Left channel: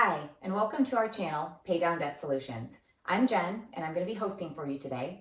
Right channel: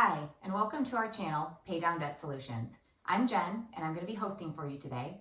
Hi, and welcome to our channel, Pay Down Debt Solutions. I'm Jen, and I'm going to be hosting for you today.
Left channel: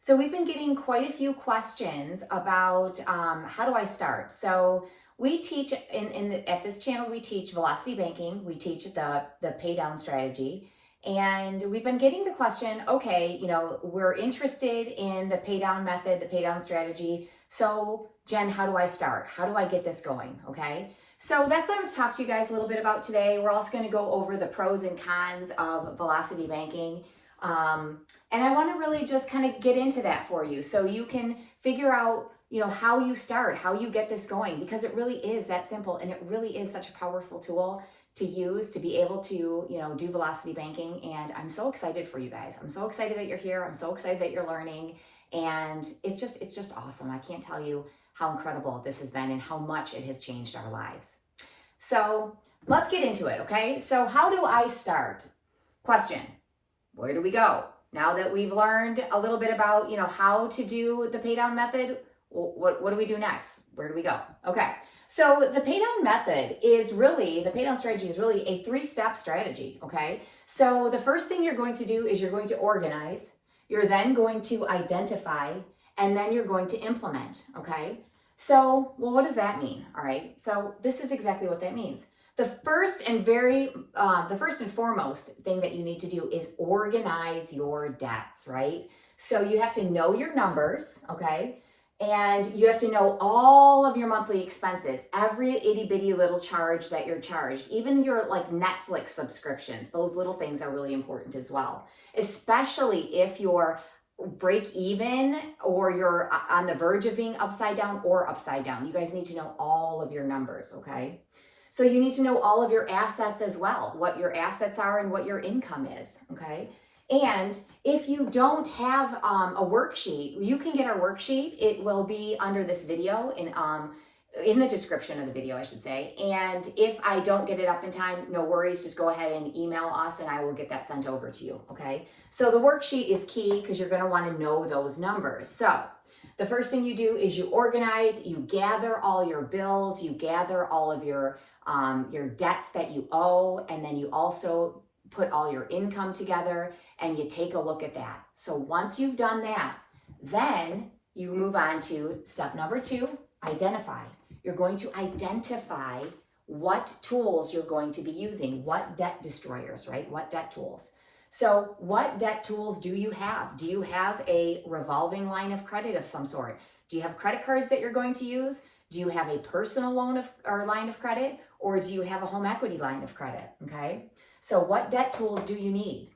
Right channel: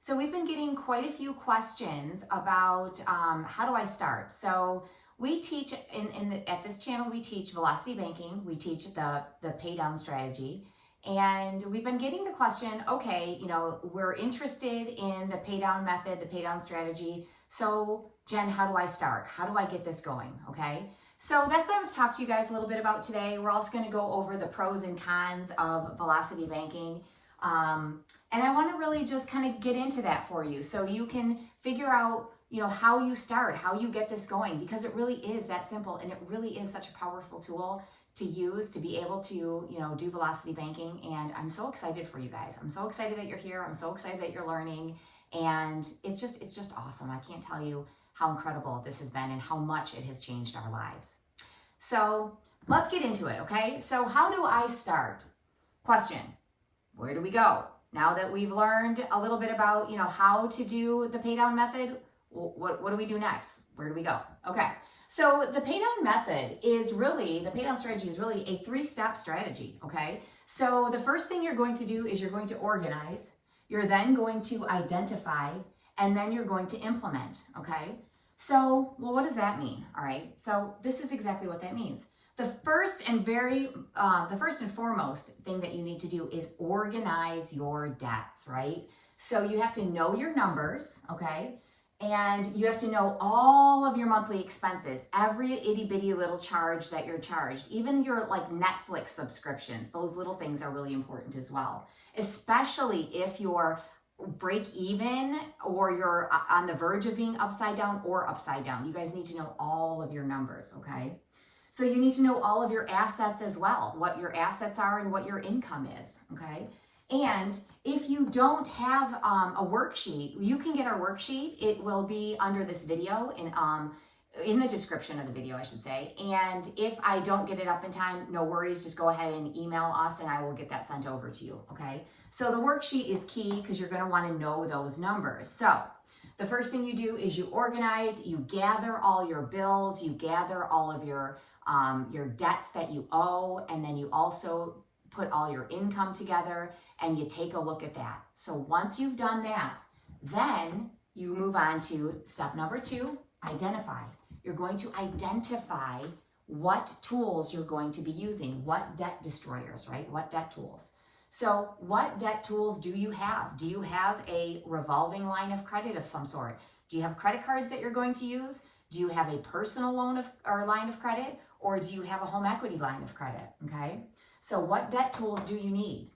So we've been getting quite a few questions about how do I start? So we teach, at this channel, we teach velocity banking, we teach the pay down strategy, and we've been getting the question, okay, we're interested in the pay down method, the pay down strategy. So Jen, how do I start? How do I get this going? Okay. So that's what I'm going to talk to you guys a little bit about today. We're also going to go over the pros and cons of velocity banking. And I want to really just kind of get into that for you so you can figure out, how you start, how you get this going, because it really is that simple and it really is such a powerful tool to use to be able to, do velocity banking. And I'm so excited for you guys. I'm so excited that you're here. I'm so excited that you're learning. And it's just awesome. I can't tell you how incredible this has been and how much it has changed our lives. So let's get into it, okay? So how do I start? Question, where do we go? Now that we've learned a little bit about, how to do the pay down method, what do we do next? Where do we go? Okay, so the pay down method is really, the pay down strategy is really a 3-step strategy, okay? So the first thing you're going to do is you're going to organize, you're then going to identify, and then you're going to implement, okay? So, well, what does that mean? All right. So this is exactly what that means. The first and foremost thing that you need to do is organize your debts, right? So you have to know your numbers, okay? And you have to know all of your monthly expenses, every itty bitty little charge that you're charged, even your like Netflix subscriptions. Those little things are really important as well, especially if you're break even or you're on the verge of being upside down or upside down. You guys need to know all of your numbers, okay? So you need to know all of your assets as well, what your assets are and what your income is, okay? And if you don't have a worksheet, you can get our worksheet. It will be under this video in the description of the video, I should say. And if I don't get it up in time, no worries, just go ahead and email us and I will get that sent over to you, okay? So the worksheet is key because you're gonna wanna know those numbers. So the first thing you do is you organize, you gather all your bills, you gather all of your debts that you owe, and then you also put all your income together and you take a look at that. So once you've done that, then you move on to step number 2, identify. You're going to identify what tools you're going to be using, what debt destroyers, right? What debt tools. So what debt tools do you have? Do you have a revolving line of credit of some sort? Do you have credit cards that you're going to use? Do you have a personal loan or line of credit? Or do you have a home equity line of credit, okay? So what debt tools do you need?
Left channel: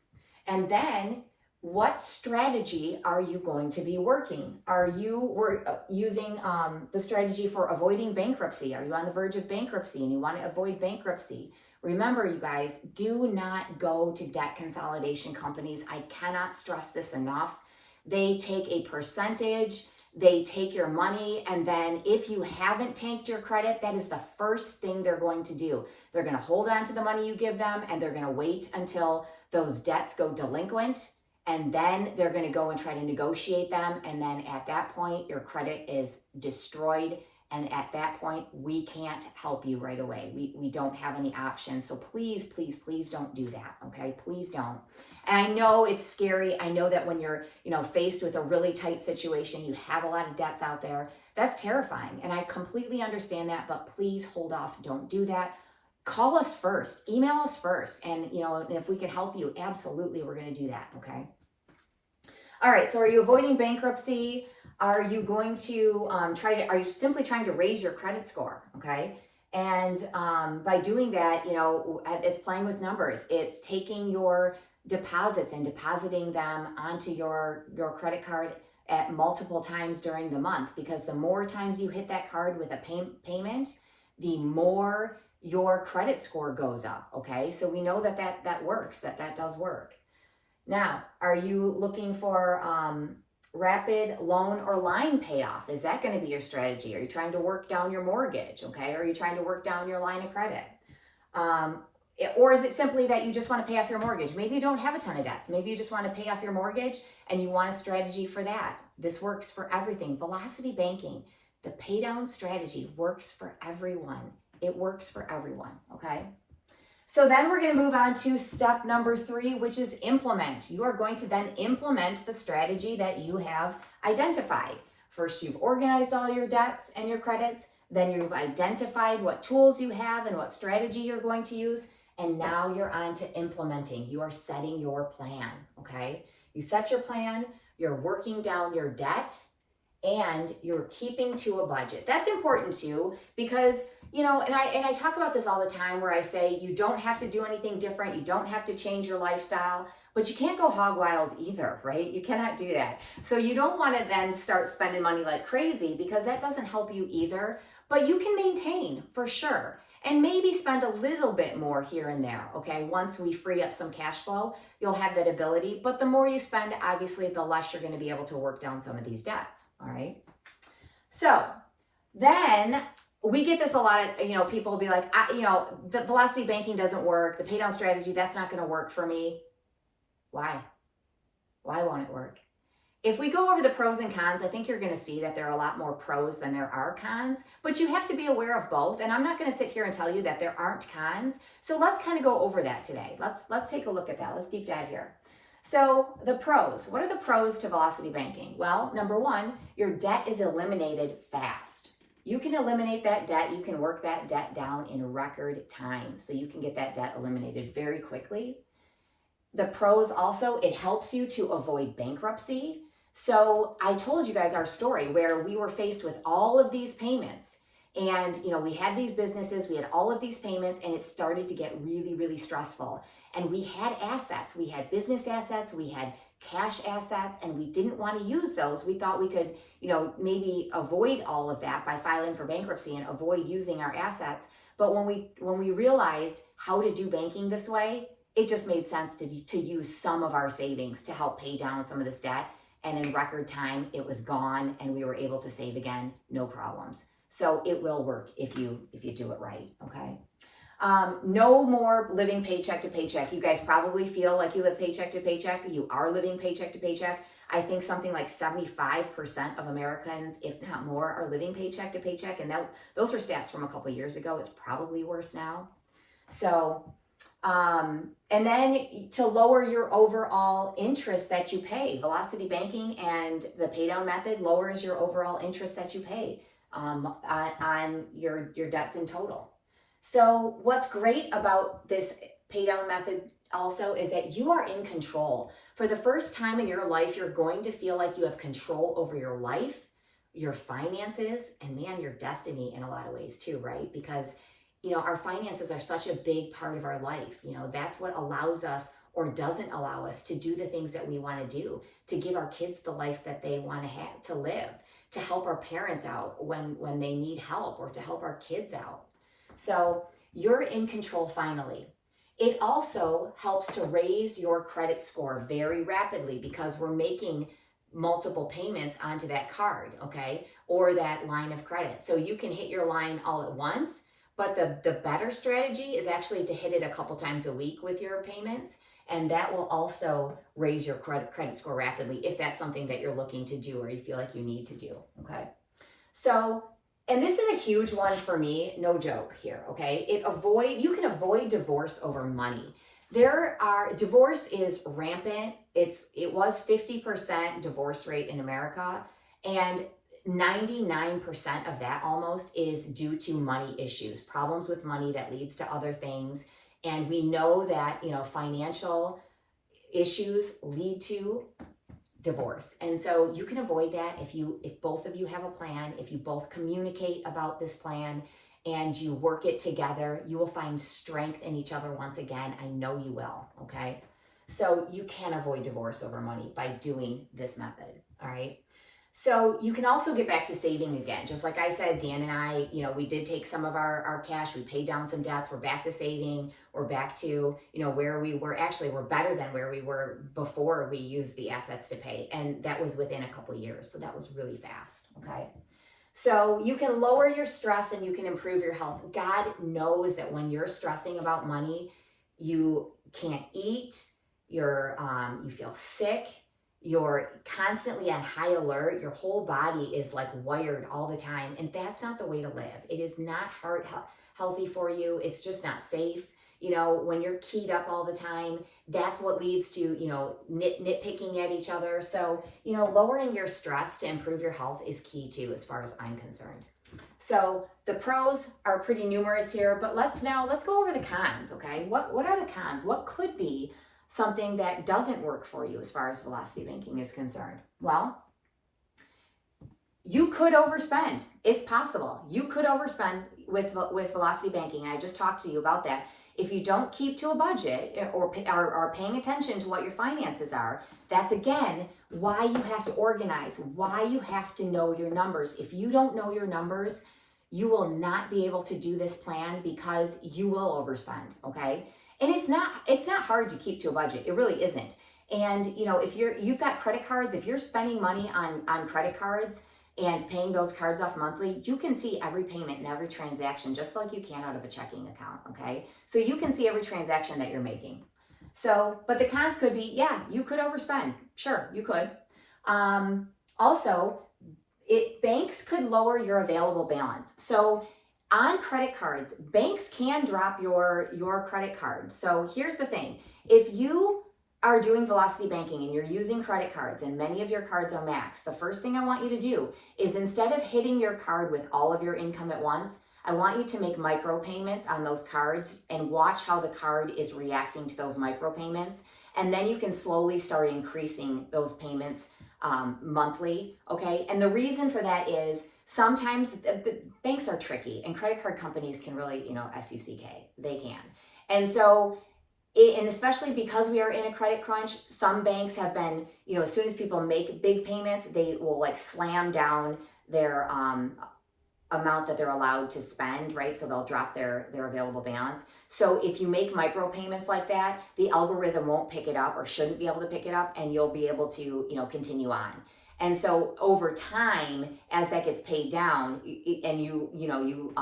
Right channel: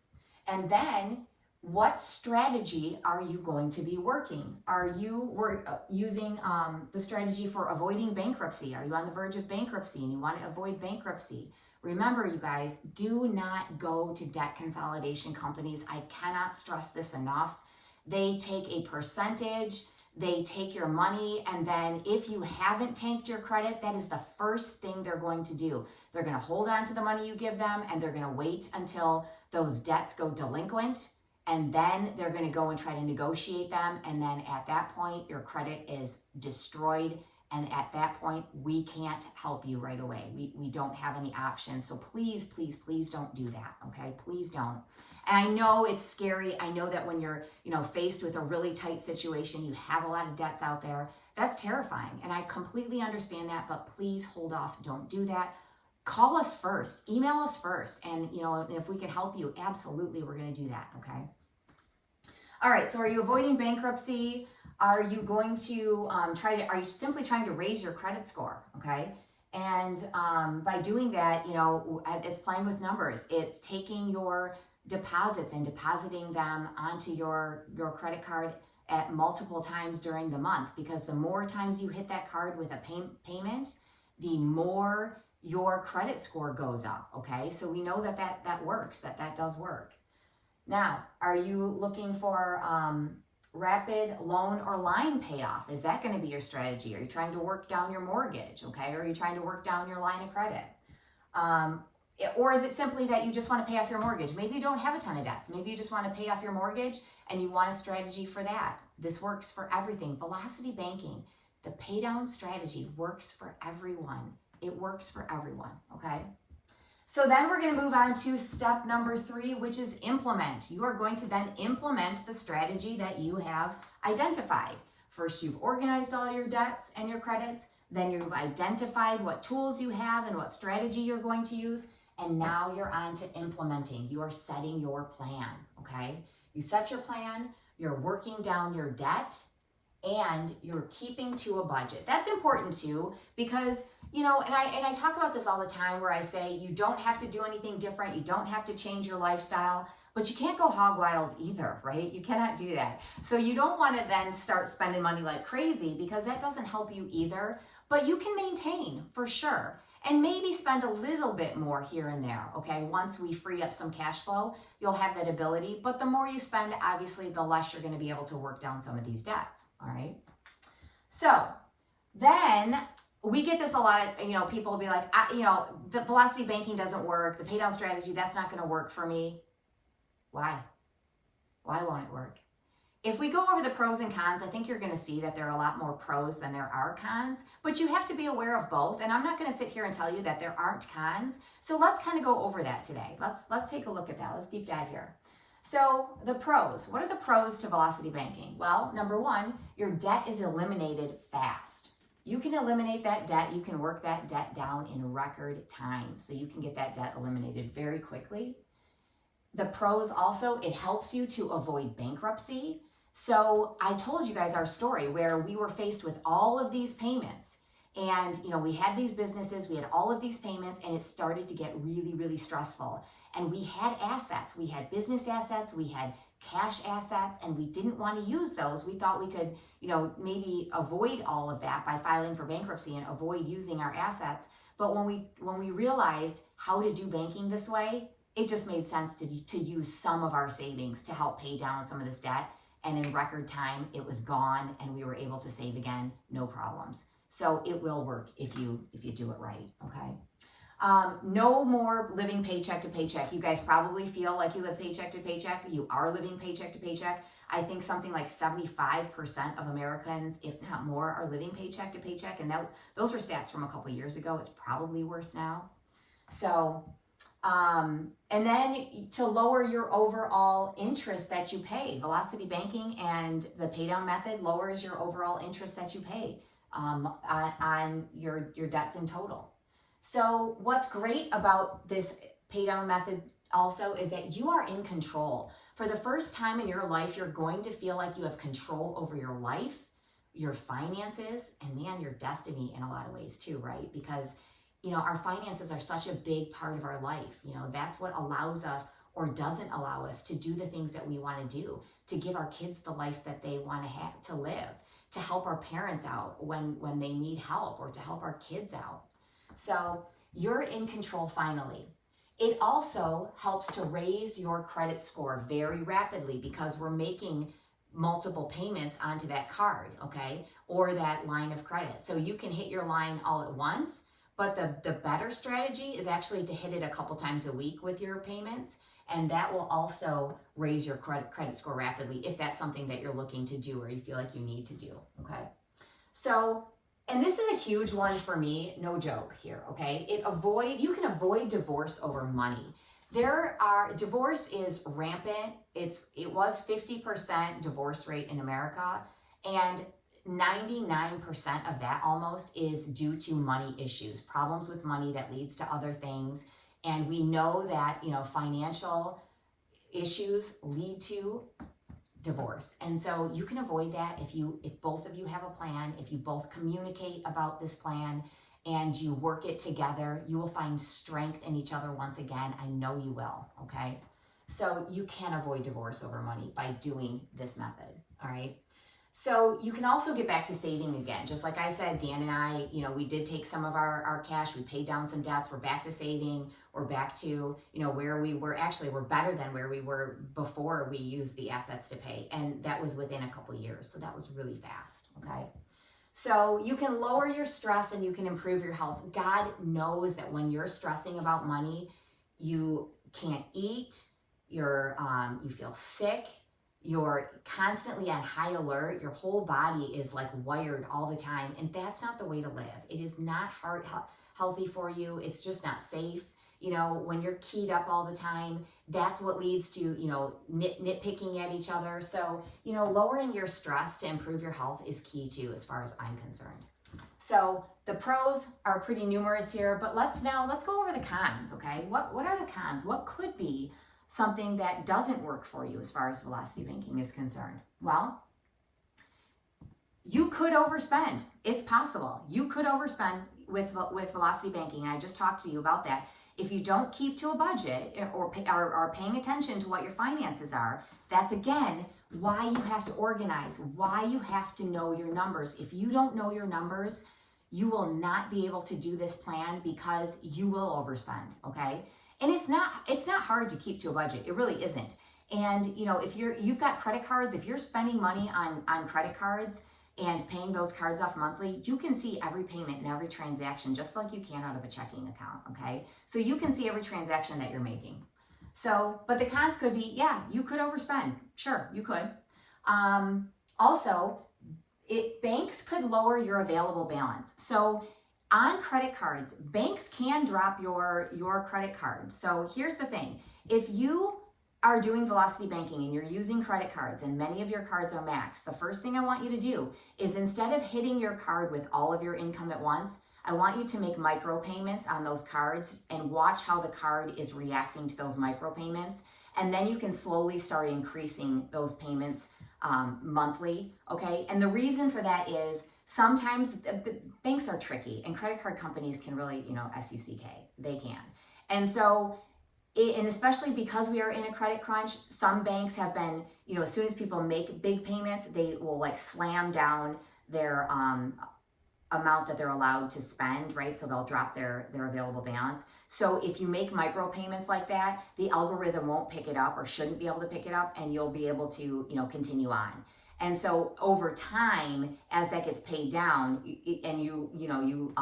And then what strategy are you going to be working? Are you using the strategy for avoiding bankruptcy? Are you on the verge of bankruptcy and you want to avoid bankruptcy? Remember, you guys, do not go to debt consolidation companies. I cannot stress this enough. They take a percentage, they take your money, and then if you haven't tanked your credit, that is the first thing they're going to do. They're going to hold on to the money you give them, and they're going to wait until those debts go delinquent. And then they're going to go and try to negotiate them. And then at that point, your credit is destroyed. And at that point, we can't help you right away. We don't have any options. So please, please, please don't do that. Okay, please don't. And I know it's scary. I know that when you're, faced with a really tight situation, you have a lot of debts out there. That's terrifying. And I completely understand that, but please hold off. Don't do that. Call us first, email us first. And, if we can help you, absolutely, we're going to do that. Okay. All right. So are you avoiding bankruptcy? Are you going to are you simply trying to raise your credit score? Okay. And by doing that, it's playing with numbers. It's taking your deposits and depositing them onto your credit card at multiple times during the month, because the more times you hit that card with a payment, the more your credit score goes up, okay? So we know that works, that does work. Now, are you looking for rapid loan or line payoff? Is that going to be your strategy? Are you trying to work down your mortgage, okay? Or are you trying to work down your line of credit? Or is it simply that you just want to pay off your mortgage? Maybe you don't have a ton of debts. Maybe you just want to pay off your mortgage and you want a strategy for that. This works for everything. Velocity banking, the pay down strategy works for everyone. It works for everyone, okay? So then we're going to move on to step number 3, which is implement. You are going to then implement the strategy that you have identified. First, you've organized all your debts and your credits. Then you've identified what tools you have and what strategy you're going to use. And now you're on to implementing. You are setting your plan, okay? You set your plan, you're working down your debt, and you're keeping to a budget. That's important too, because, you know, and I talk about this all the time where I say you don't have to do anything different. You don't have to change your lifestyle, but you can't go hog wild either, right? You cannot do that. So you don't want to then start spending money like crazy, because that doesn't help you either, but you can maintain for sure. And maybe spend a little bit more here and there, okay? Once we free up some cash flow, you'll have that ability. But the more you spend, obviously, the less you're going to be able to work down some of these debts, all right? So then we get this a lot of, you know, people will be like, you know, the velocity banking doesn't work. The pay down strategy, that's not going to work for me. Why? Why won't it work? If we go over the pros and cons, I think you're going to see that there are a lot more pros than there are cons, but you have to be aware of both. And I'm not going to sit here and tell you that there aren't cons. So let's kind of go over that today. Let's take a look at that. Let's deep dive here. So the pros, what are the pros to velocity banking? Well, number 1, your debt is eliminated fast. You can eliminate that debt. You can work that debt down in record time. So you can get that debt eliminated very quickly. The pros also, it helps you to avoid bankruptcy. So I told you guys our story where we were faced with all of these payments, and, you know, we had these businesses, we had all of these payments, and it started to get really, really stressful. And we had assets, we had business assets, we had cash assets, and we didn't want to use those. We thought we could, you know, maybe avoid all of that by filing for bankruptcy and avoid using our assets. But when we realized how to do banking this way, it just made sense to use some of our savings to help pay down some of this debt. And in record time, it was gone, and we were able to save again, no problems. So it will work if you do it right, okay? No more living paycheck to paycheck. You guys probably feel like you live paycheck to paycheck. You are living paycheck to paycheck. I think something like 75% of Americans, if not more, are living paycheck to paycheck. And those were stats from a couple of years ago. It's probably worse now. So, and then to lower your overall interest that you pay, velocity banking and the pay down method lowers your overall interest that you pay on your debts in total. So what's great about this pay down method also is that you are in control. For the first time in your life, you're going to feel like you have control over your life, your finances, and man, your destiny in a lot of ways too, right? Because, you know, our finances are such a big part of our life. You know, that's what allows us or doesn't allow us to do the things that we want to do, to give our kids the life that they want to have, to live, to help our parents out when they need help, or to help our kids out. So you're in control finally. It also helps to raise your credit score very rapidly because we're making multiple payments onto that card, okay, or that line of credit. So you can hit your line all at once, but the better strategy is actually to hit it a couple times a week with your payments, and that will also raise your credit score rapidly if that's something that you're looking to do or you feel like you need to do, okay? So, and this is a huge one for me, no joke here, okay? You can avoid divorce over money. Divorce is rampant. It was 50% divorce rate in America, and 99% of that almost is due to money issues, problems with money that leads to other things. And we know that, you know, financial issues lead to divorce. And so you can avoid that if both of you have a plan, if you both communicate about this plan and you work it together, you will find strength in each other once again. I know you will, okay? So you can avoid divorce over money by doing this method, all right? So you can also get back to saving again. Just like I said, Dan and I, you know, we did take some of our cash, we paid down some debts, we're back to saving, we're back to, you know, where we were. Actually, we're better than where we were before we used the assets to pay. And that was within a couple of years. So that was really fast, okay? So you can lower your stress and you can improve your health. God knows that when you're stressing about money, you can't eat, you feel sick, you're constantly on high alert, your whole body is like wired all the time, and that's not the way to live. It is not healthy for you. It's just not safe. You know, when you're keyed up all the time, that's what leads to, you know, nitpicking at each other. So, you know, lowering your stress to improve your health is key too, as far as I'm concerned. So the pros are pretty numerous here, but let's go over the cons, okay? What are the cons? What could be something that doesn't work for you as far as velocity banking is concerned? Well, you could overspend. It's possible. You could overspend with velocity banking. And I just talked to you about that. If you don't keep to a budget or are paying attention to what your finances are, that's again why you have to organize, why you have to know your numbers. If you don't know your numbers, you will not be able to do this plan because you will overspend, okay? And it's not hard to keep to a budget. It really isn't. And you know, if you've got credit cards, if you're spending money on credit cards and paying those cards off monthly, you can see every payment and every transaction just like you can out of a checking account, okay? So you can see every transaction that you're making. So, but the cons could be, yeah, you could overspend. Sure, you could. Also, banks could lower your available balance. So on credit cards, banks can drop your credit card. So here's the thing. If you are doing velocity banking and you're using credit cards and many of your cards are maxed, the first thing I want you to do is instead of hitting your card with all of your income at once, I want you to make micro payments on those cards and watch how the card is reacting to those micro payments. And then you can slowly start increasing those payments monthly, okay? And the reason for that is sometimes banks are tricky and credit card companies can really, you know, 𝐔𝐘𝐒, they can. And so, and especially because we are in a credit crunch, some banks have been, you know, as soon as people make big payments, they will like slam down their amount that they're allowed to spend, right? So they'll drop their available balance. So if you make micro payments like that, the algorithm won't pick it up or shouldn't be able to pick it up, and you'll be able to, you know, continue on. And so over time, as that gets paid down, and you'll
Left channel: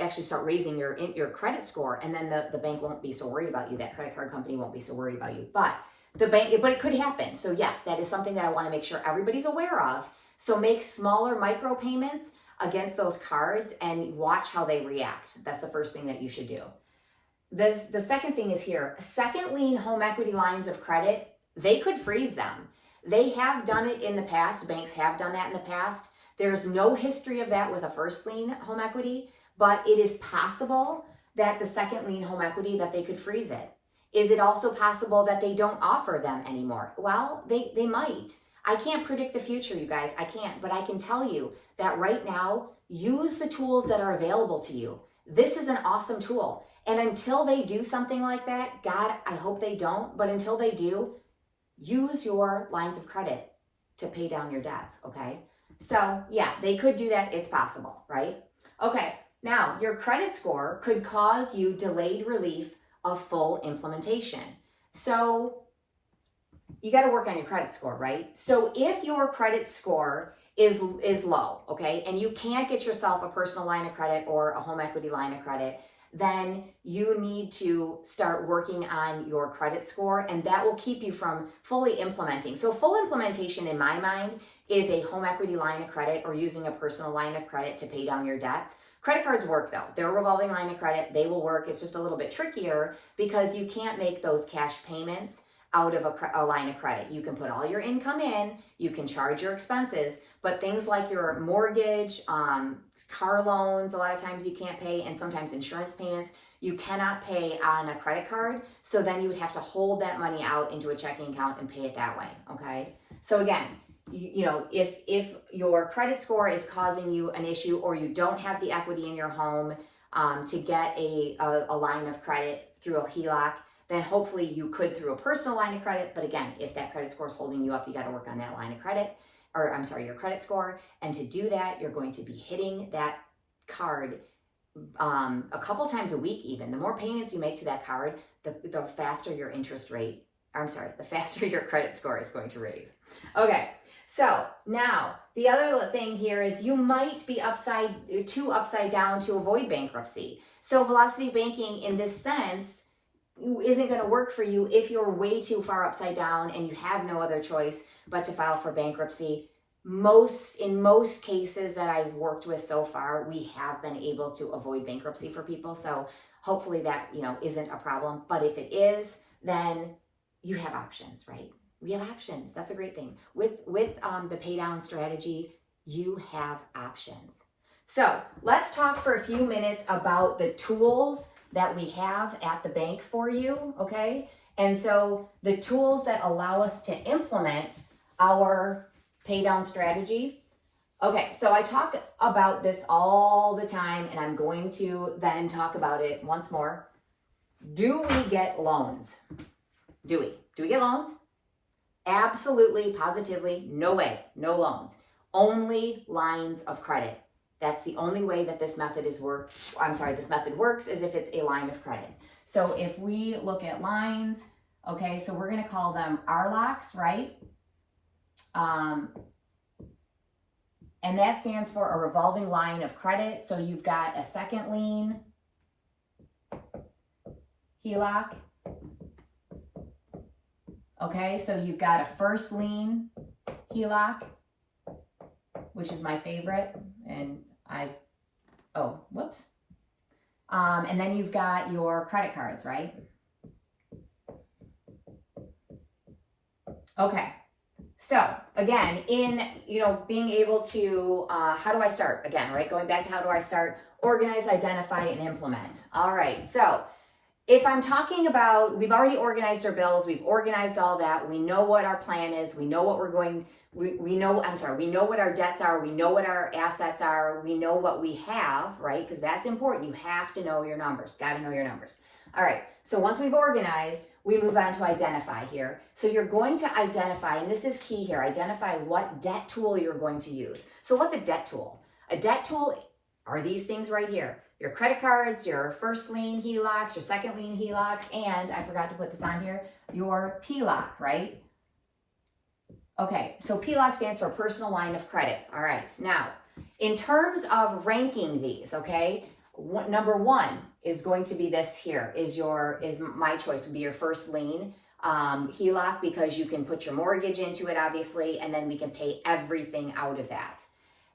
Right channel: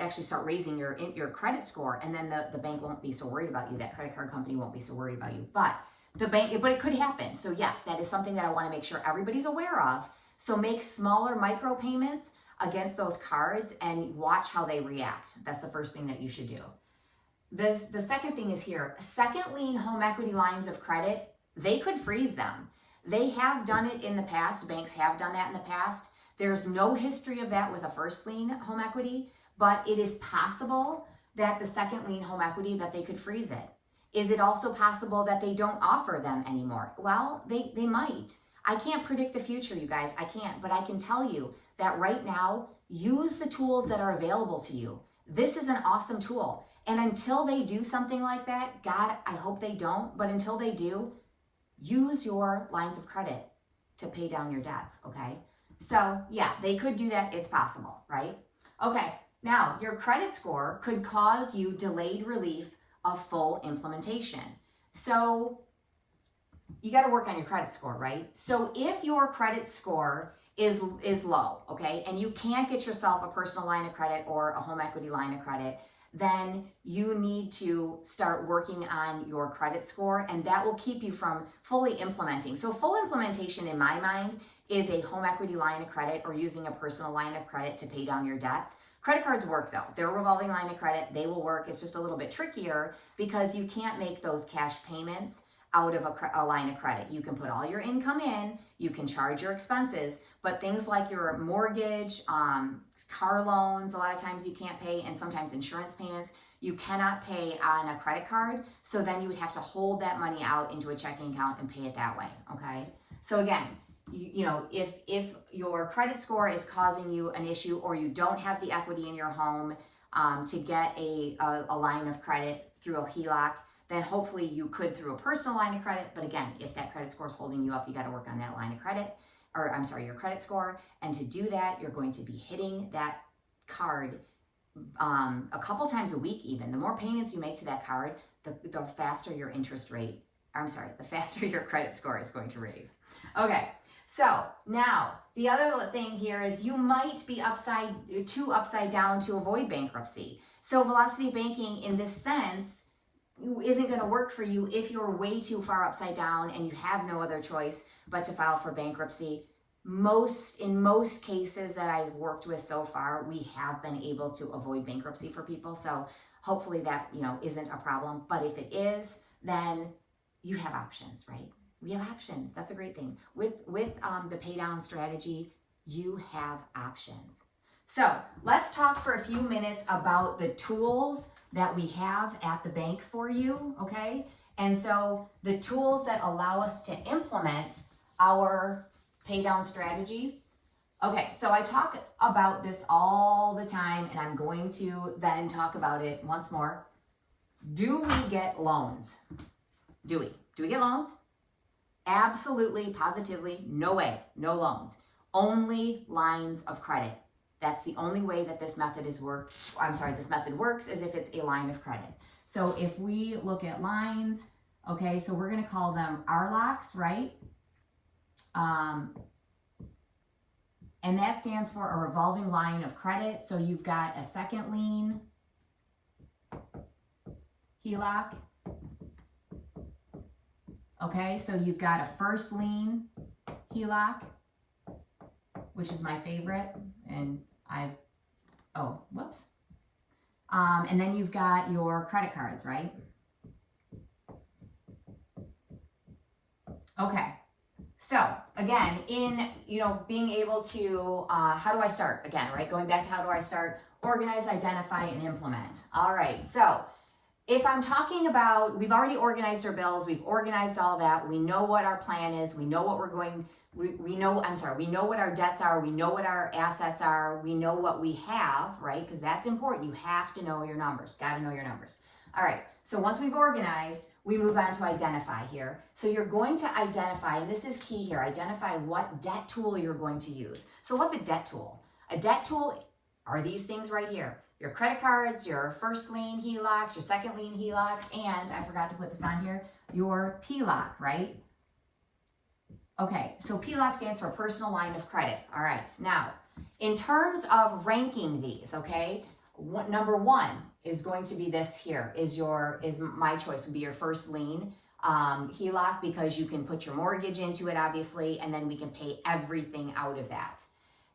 actually start raising your credit score, and then the bank won't be so worried about you. That credit card company won't be so worried about you. But it could happen. So yes, that is something that I want to make sure everybody's aware of. So make smaller micro payments against those cards and watch how they react. That's the first thing that you should do. The second thing is here, second lien home equity lines of credit, they could freeze them. They have done it in the past. Banks have done that in the past. There's no history of that with a first lien home equity, but it is possible that the second lien home equity, that they could freeze it. Is it also possible that they don't offer them anymore? Well, they might. I can't predict the future, you guys. I can't, but I can tell you that right now, use the tools that are available to you. This is an awesome tool. And until they do something like that, God, I hope they don't, but until they do, use your lines of credit to pay down your debts, okay? So yeah, they could do that. It's possible, right? Okay, now your credit score could cause you delayed relief of full implementation. So you got to work on your credit score, right? So if your credit score is low, okay, and you can't get yourself a personal line of credit or a home equity line of credit, then you need to start working on your credit score, and that will keep you from fully implementing. So full implementation in my mind is a home equity line of credit or using a personal line of credit to pay down your debts. Credit cards work though. They're a revolving line of credit. They will work. It's just a little bit trickier because you can't make those cash payments out of a line of credit. You can put all your income in, you can charge your expenses, but things like your mortgage, car loans, a lot of times you can't pay, and sometimes insurance payments, you cannot pay on a credit card. So then you would have to hold that money out into a checking account and pay it that way, okay? So again, you know, if your credit score is causing you an issue or you don't have the equity in your home to get a line of credit through a HELOC, then hopefully you could through a personal line of credit. But again, if that credit score is holding you up, you got to work on that line of credit, or I'm sorry, your credit score. And to do that, you're going to be hitting that card a couple times a week even. The more payments you make to that card, the faster your interest rate, the faster your credit score is going to raise. Okay, so now the other thing here is you might be too upside down to avoid bankruptcy. So velocity banking in this sense isn't going to work for you if you're way too far upside down and you have no other choice but to file for bankruptcy. In most cases that I've worked with so far, we have been able to avoid bankruptcy for people. So Hopefully that, isn't a problem. But if it is, then you have options, right? We have options. That's a great thing. With the pay down strategy, you have options. So let's talk for a few minutes about the tools that we have at the bank for you, okay? And so the tools that allow us to implement our pay down strategy. Okay, so I talk about this all the time, and I'm going to then talk about it once more. Do we get loans? Do we get loans? Absolutely, positively, no way, no loans. Only lines of credit. That's the only way that this method this method works is if it's a line of credit. So if we look at lines, okay, so we're gonna call them RLOCs, right? And that stands for a revolving line of credit. So you've got a second lien HELOC. Okay, so you've got a first lien HELOC, which is my favorite, and and then you've got your credit cards, right? Okay, so again, in being able to, how do I start? Again, right, going back to how do I start? Organize, identify, and implement. All right, so if I'm talking about, we've already organized our bills, we've organized all that, we know what our plan is, we know what we're going, we know what our debts are, we know what our assets are, we know what we have, right? Because that's important. You have to know your numbers, got to know your numbers. All right, so once we've organized, we move on to identify here. So you're going to identify, and this is key here, identify what debt tool you're going to use. So what's a debt tool? A debt tool are these things right here. Your credit cards, your first lien HELOCs, your second lien HELOCs, and I forgot to put this on here, your PLOC, right? Okay, so PLOC stands for personal line of credit. All right, now, in terms of ranking these, okay, number one is going to be this here, is my choice would be your first lien HELOC, because you can put your mortgage into it, obviously, and then we can pay everything out of that.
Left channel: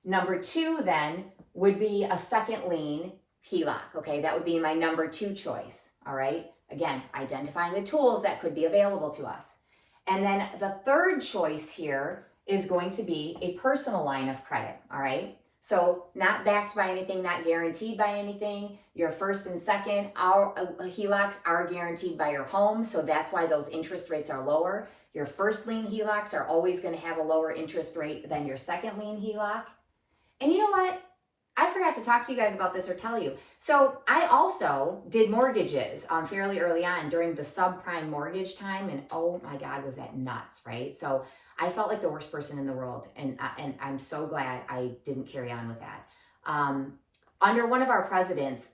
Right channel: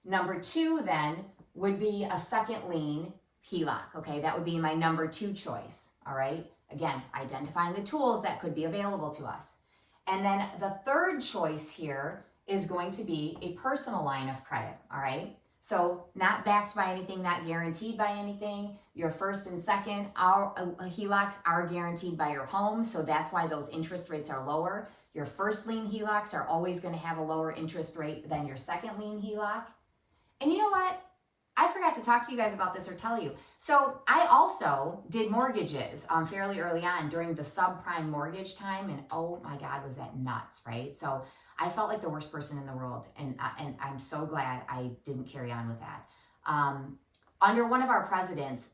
Number two then would be a second lien HELOC, okay? That would be my number two choice, all right? Again, identifying the tools that could be available to us. And then the third choice here is going to be a personal line of credit, all right? So not backed by anything, not guaranteed by anything. Your first and second HELOCs are guaranteed by your home, so that's why those interest rates are lower. Your first lien HELOCs are always going to have a lower interest rate than your second lien HELOC. And you know what? I forgot to talk to you guys about this or tell you. So I also did mortgages fairly early on during the subprime mortgage time. And oh my God, was that nuts, right? So I felt like the worst person in the world. And I'm so glad I didn't carry on with that. Under one of our presidents,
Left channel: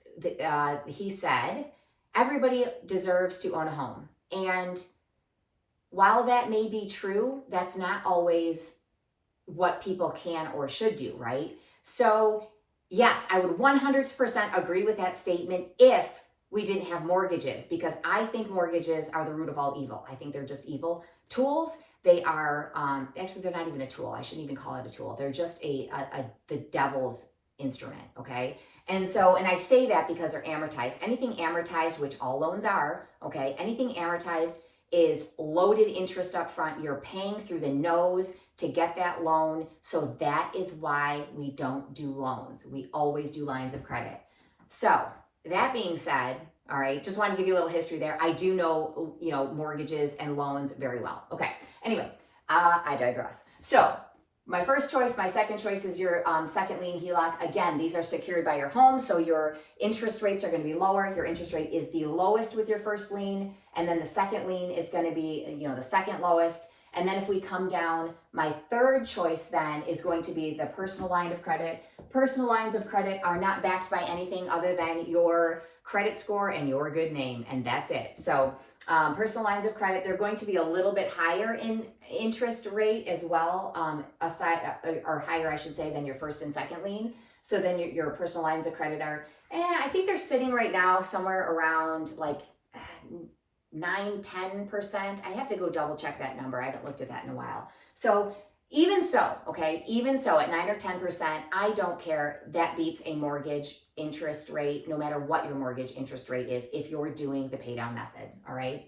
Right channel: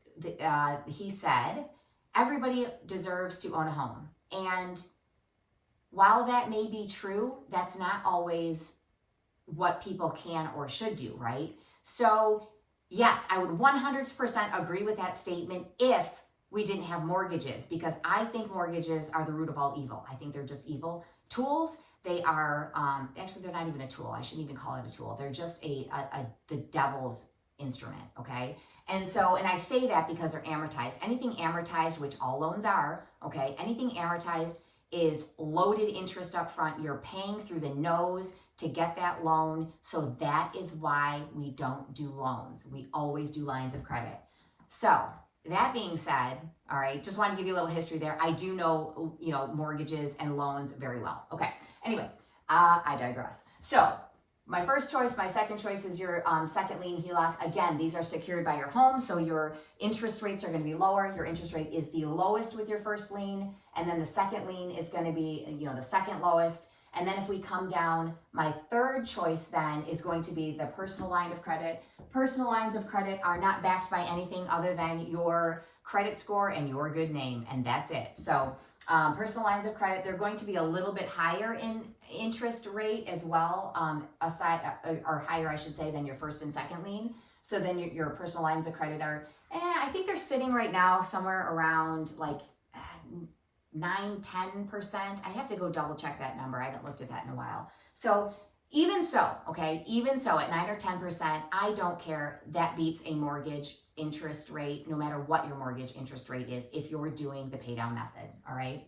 he said, everybody deserves to own a home. And while that may be true, that's not always what people can or should do, right? So yes, I would 100% agree with that statement if we didn't have mortgages, because I think mortgages are the root of all evil. I think they're just evil tools. They are, actually, they're not even a tool. I shouldn't even call it a tool. They're just the devil's instrument, okay? And I say that because they're amortized. Anything amortized, which all loans are, okay? Anything amortized is loaded interest up front. You're paying through the nose to get that loan. So that is why we don't do loans. We always do lines of credit. So that being said, all right, just wanted to give you a little history there. I do know, mortgages and loans very well. Okay, anyway, I digress. So my first choice, my second choice is your second lien HELOC. Again, these are secured by your home, so your interest rates are going to be lower. Your interest rate is the lowest with your first lien, and then the second lien is going to be, the second lowest. And then if we come down, my third choice then is going to be the personal line of credit. Personal lines of credit are not backed by anything other than your credit score and your good name, and that's it. So personal lines of credit, they're going to be a little bit higher in interest rate as well, or higher, I should say, than your first and second lien. So then your personal lines of credit are, I think they're sitting right now somewhere around like 9-10%. I have to go double check that number. I haven't looked at that in a while. So even so, okay, even so at 9 or 10%, I don't care. That beats a mortgage interest rate, no matter what your mortgage interest rate is, if you're doing the pay down method, all right?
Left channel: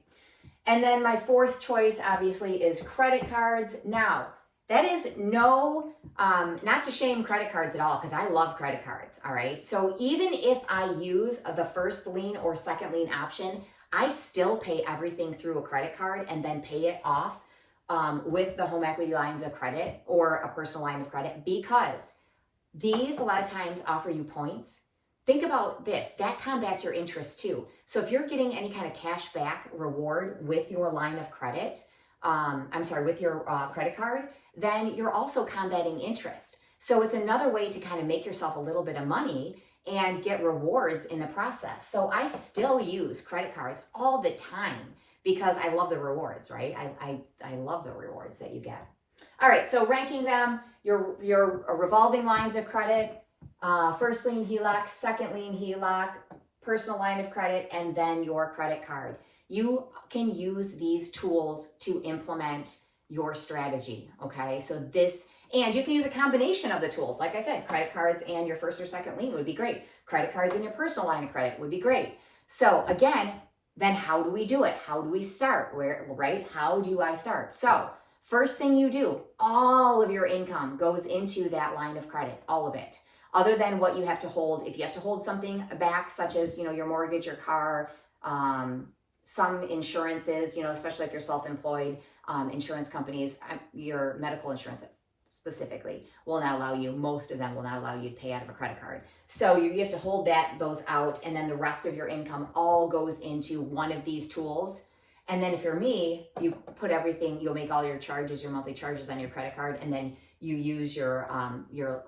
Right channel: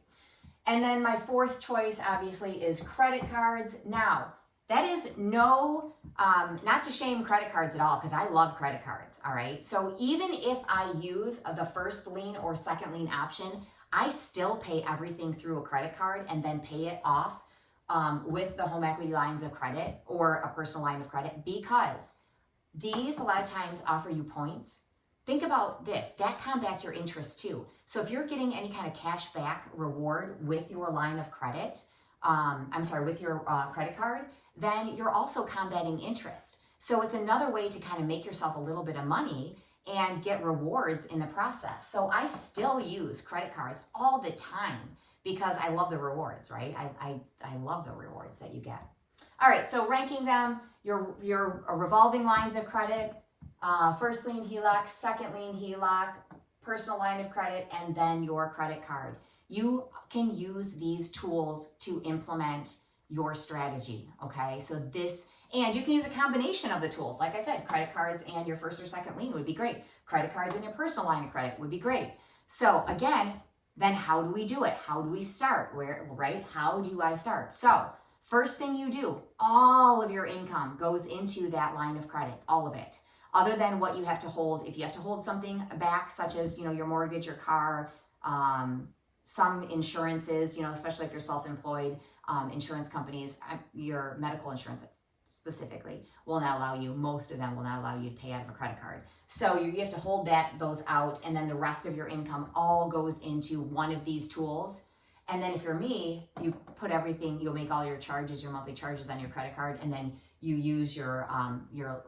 And then my fourth choice, obviously, is credit cards. Now, that is no, not to shame credit cards at all, because I love credit cards, all right? So even if I use the first lien or second lien option, I still pay everything through a credit card and then pay it off with the home equity lines of credit or a personal line of credit, because these a lot of times offer you points. Think about this, that combats your interest too. So if you're getting any kind of cash back reward with your line of credit, with your credit card, then you're also combating interest. So it's another way to kind of make yourself a little bit of money and get rewards in the process. So I still use credit cards all the time because I love the rewards, right? I love the rewards that you get. All right, so ranking them, your revolving lines of credit, first lien HELOC, second lien HELOC, personal line of credit, and then your credit card. You can use these tools to implement your strategy, okay? So and you can use a combination of the tools. Like I said, credit cards and your first or second lien would be great. Credit cards and your personal line of credit would be great. So again, then how do we do it? How do we start? Right? How do I start? So first thing you do, all of your income goes into that line of credit, all of it. Other than what you have to hold. If you have to hold something back, such as, your mortgage, your car, some insurances, especially if you're self-employed, insurance companies, your medical insurance specifically will not allow you, most of them will not allow you to pay out of a credit card. So you have to hold those out, and then the rest of your income all goes into one of these tools. And then if you're me, you put everything, you'll make all your charges, your monthly charges on your credit card, and then you use your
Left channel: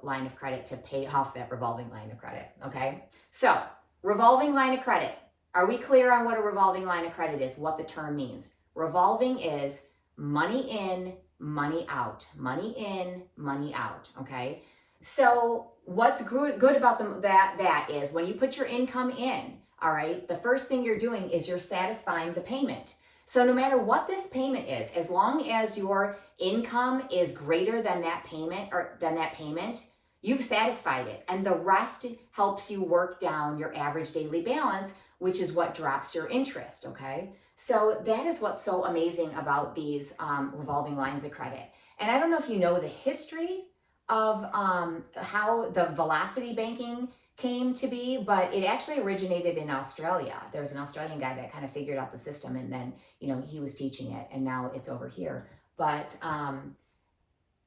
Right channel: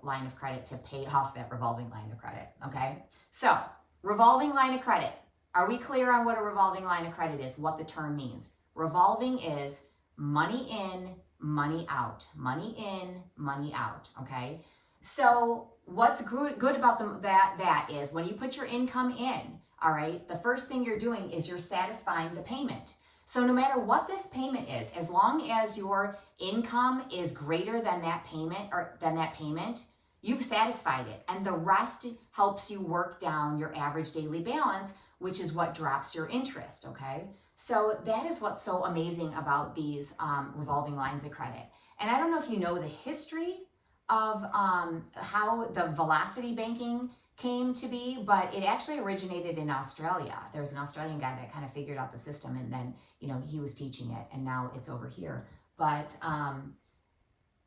line of credit to pay off that revolving line of credit, okay? So revolving line of credit. Are we clear on what a revolving line of credit is, what the term means? Revolving is money in, money out, money in, money out, okay? So what's good about that is when you put your income in, all right, the first thing you're doing is you're satisfying the payment. So no matter what this payment is, as long as your income is greater than that payment, you've satisfied it. And the rest helps you work down your average daily balance, which is what drops your interest, okay? So that is what's so amazing about these revolving lines of credit. And I don't know if you know the history of how the velocity banking came to be, but it actually originated in Australia. There was an Australian guy that kind of figured out the system, and then, he was teaching it, and now it's over here. But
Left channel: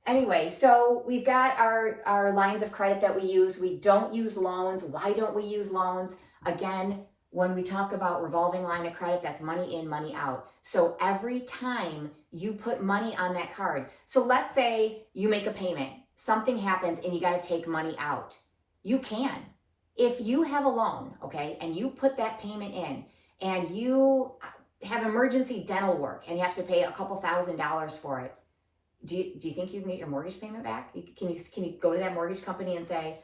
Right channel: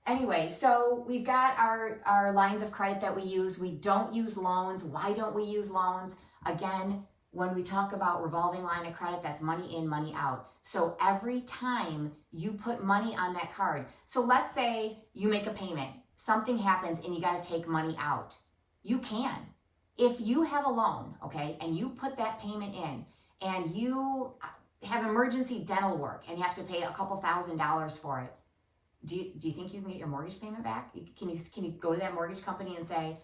anyway, so we've got our lines of credit that we use. We don't use loans. Why don't we use loans? Again, when we talk about revolving line of credit, that's money in, money out. So every time you put money on that card, so let's say you make a payment, something happens and you got to take money out. You can. If you have a loan, okay, and you put that payment in and you have emergency dental work and you have to pay a couple $1,000s for it, do you think you can get your mortgage payment back? Can you go to that mortgage company and say,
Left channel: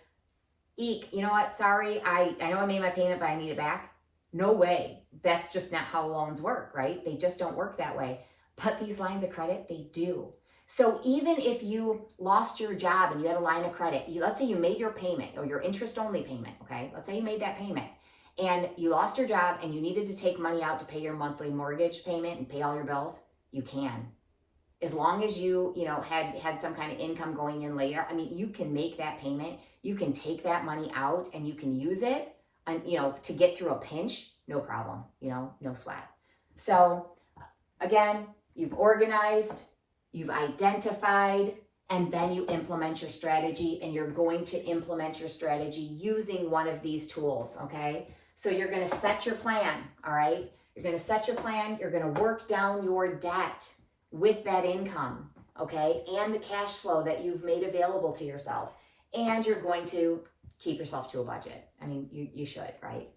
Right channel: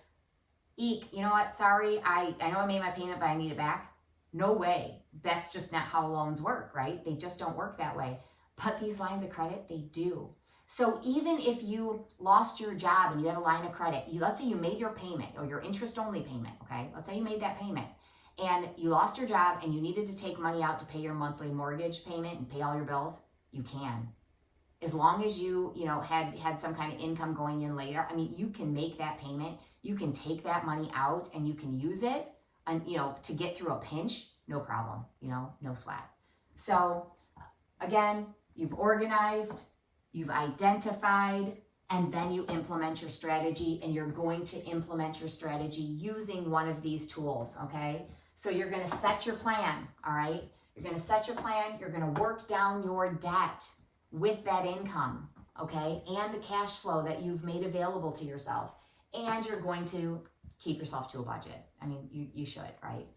"Eek, you know what, sorry, I know I made my payment, but I need it back"? No way. That's just not how loans work, right? They just don't work that way. But these lines of credit, they do. So even if you lost your job and you had a line of credit, let's say you made your payment or your interest only payment, okay? Let's say you made that payment and you lost your job and you needed to take money out to pay your monthly mortgage payment and pay all your bills, you can. As long as you had some kind of income going in later, you can make that payment, you can take that money out and you can use it and, to get through a pinch, no problem, no sweat. So again, you've organized, you've identified, and then you implement your strategy, and you're going to implement your strategy using one of these tools, okay? So you're going to set your plan, all right? You're going to set your plan. You're going to work down your debt with that income, okay? And the cash flow that you've made available to yourself. And you're going to keep yourself to a budget. You should, right?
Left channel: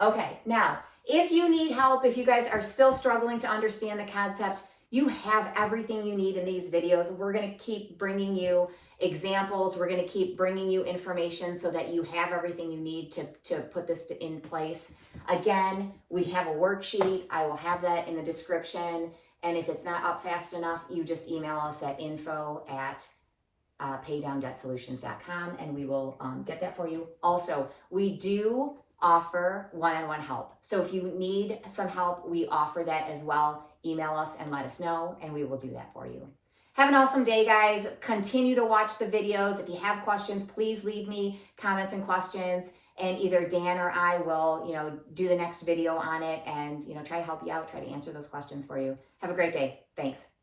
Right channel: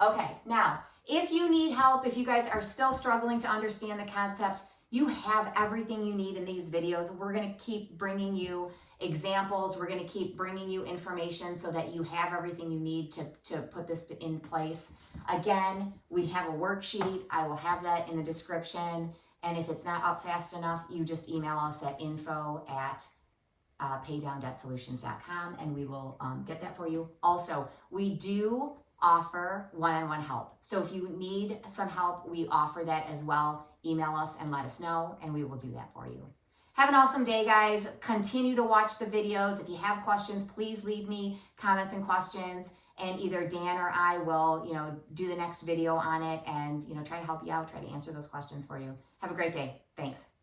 Okay, now, if you need help, if you guys are still struggling to understand the concept, you have everything you need in these videos. We're going to keep bringing you examples. We're going to keep bringing you information so that you have everything you need to put this in place. Again, we have a worksheet. I will have that in the description. And if it's not up fast enough, you just email us at info@paydowndebtsolutions.com and we will get that for you. Also, we do offer one-on-one help. So if you need some help, we offer that as well. Email us and let us know, and we will do that for you. Have an awesome day, guys. Continue to watch the videos. If you have questions, please leave me comments and questions, and either Dan or I will, do the next video on it and, try to help you out, try to answer those questions for you. Have a great day. Thanks.